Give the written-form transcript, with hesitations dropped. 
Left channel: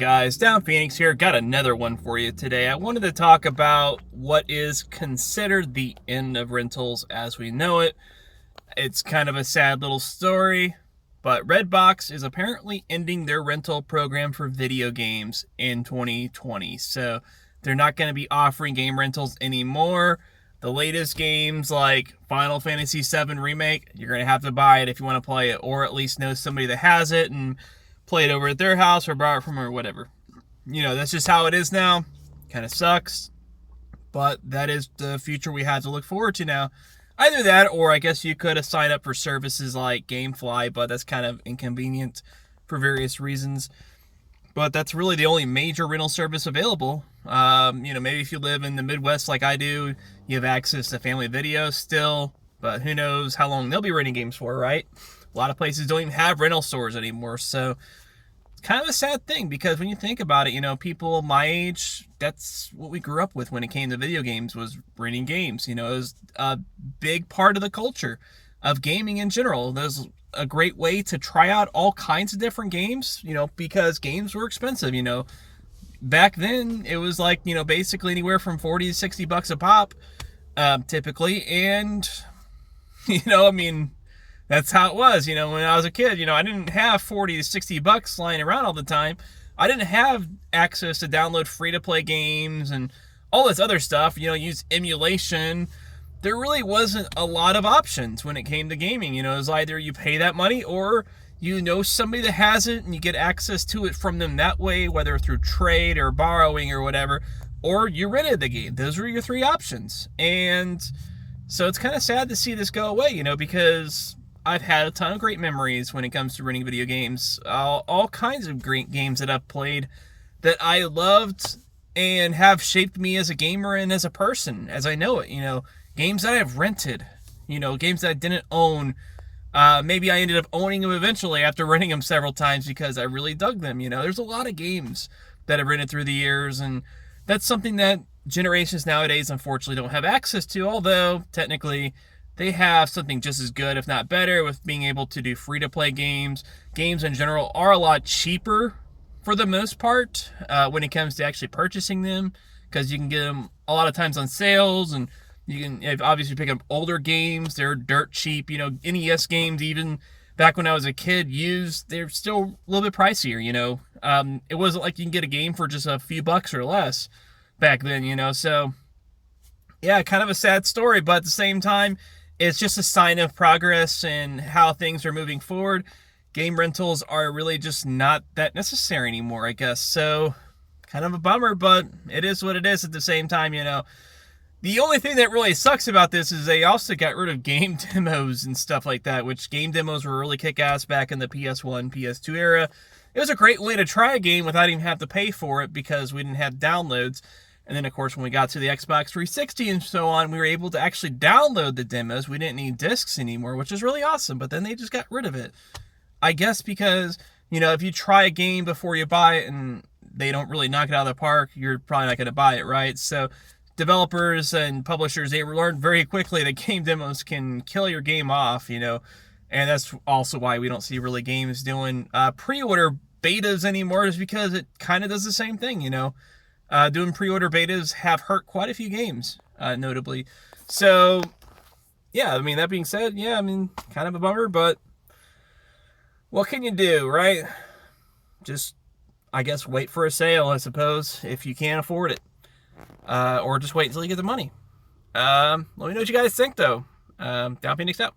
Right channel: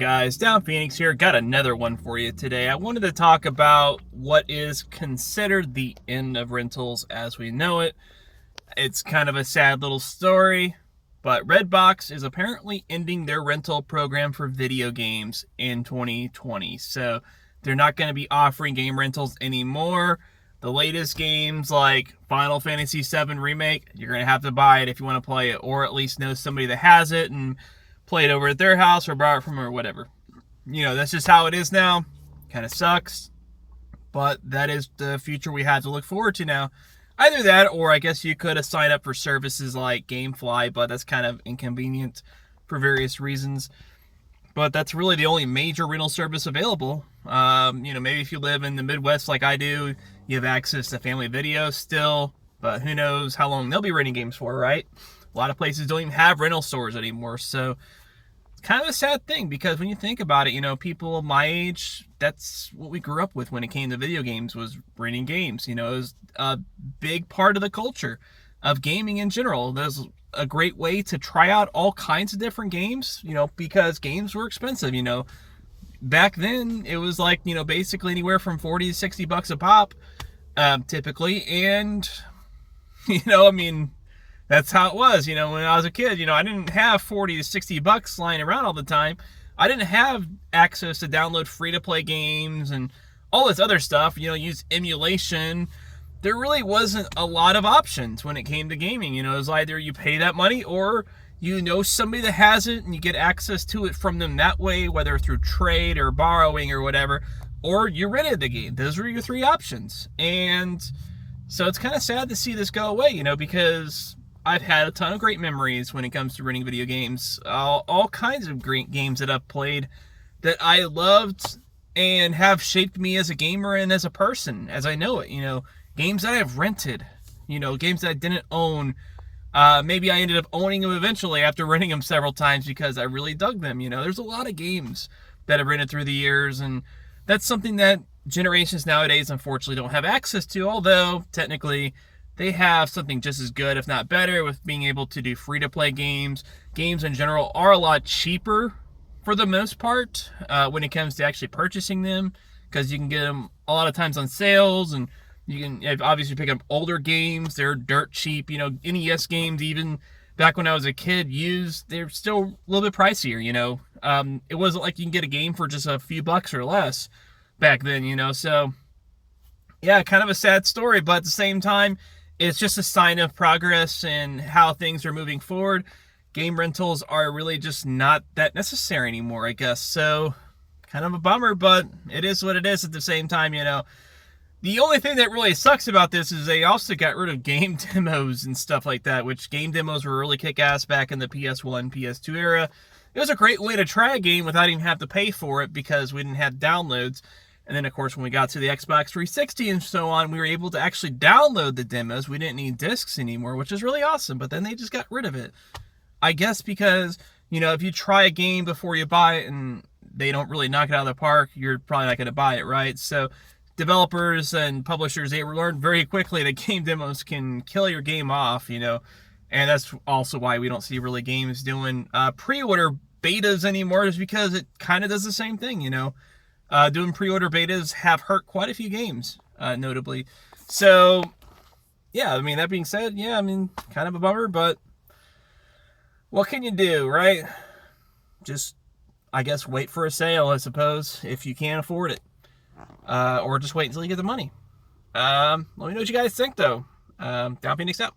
Guys, Down Phoenix here. Got another one for you today. I wanted to talk about what is considered the end of rentals as we know it. It's kind of a sad little story, but Redbox is apparently ending their rental program for video games in 2020. So they're not going to be offering game rentals anymore. The latest games like Final Fantasy VII Remake, you're going to have to buy it if you want to play it, or at least know somebody that has it and play it over at their house or borrow it from them or whatever. You know, that's just how it is now. Kind of sucks, but that is the future we had to look forward to now. Either that, or I guess you could have signed up for services like GameFly, but that's kind of inconvenient for various reasons. But that's really the only major rental service available. Maybe if you live in the Midwest like I do, you have access to family video still, but who knows how long they'll be renting games for, right? A lot of places don't even have rental stores anymore, so kind of a sad thing, because when you think about it, people my age, that's what we grew up with when it came to video games, was renting games. It was a big part of the culture of gaming in general. There's a great way to try out all kinds of different games, because games were expensive. Back then it was like, basically anywhere from 40 to 60 bucks a pop, typically. And, that's how it was, when I was a kid. I didn't have 40 to 60 bucks lying around all the time. I didn't have access to download free-to-play games and all this other stuff, use emulation. There really wasn't a lot of options when it came to gaming. It was either you pay that money or somebody that has it and you get access to it from them that way, whether through trade or borrowing or whatever, or you rented the game. Those were your three options. And so it's kind of sad to see this go away, because I've had a ton of great memories when it comes to renting video games. All kinds of great games that I've played that I loved and have shaped me as a gamer and as a person, as I know it. Games that I have rented, games that I didn't own. Maybe I ended up owning them eventually after renting them several times because I really dug them. There's a lot of games that I've rented through the years, and that's something that generations nowadays unfortunately don't have access to, although technically they have something just as good, if not better, with being able to do free-to-play games. Games in general are a lot cheaper for the most part when it comes to actually purchasing them, because you can get them a lot of times on sales, and you can obviously pick up older games. They're dirt cheap. NES games, even back when I was a kid, they're still a little bit pricier. It wasn't like you can get a game for just a few bucks or less back then, so yeah, kind of a sad story, but at the same time, it's just a sign of progress and how things are moving forward. Game rentals are really just not that necessary anymore, I guess. So kind of a bummer, but it is what it is at the same time. The only thing that really sucks about this is they also got rid of game demos and stuff like that, which game demos were really kick-ass back in the PS1, PS2 era. It was a great way to try a game without even having to pay for it, because we didn't have downloads. And then, of course, when we got to the Xbox 360 and so on, we were able to actually download the demos. We didn't need discs anymore, which is really awesome. But then they just got rid of it. I guess because, if you try a game before you buy it and they don't really knock it out of the park, you're probably not going to buy it, right? So developers and publishers, they learned very quickly that game demos can kill your game off, and that's also why we don't see really games doing pre-order betas anymore, is because it kind of does the same thing, Doing pre-order betas have hurt quite a few games, notably. So, yeah, that being said, kind of a bummer, but what can you do, right? Just, I guess, wait for a sale, I suppose, if you can't afford it. Or just wait until you get the money. Let me know what you guys think, though. Down Phoenix out.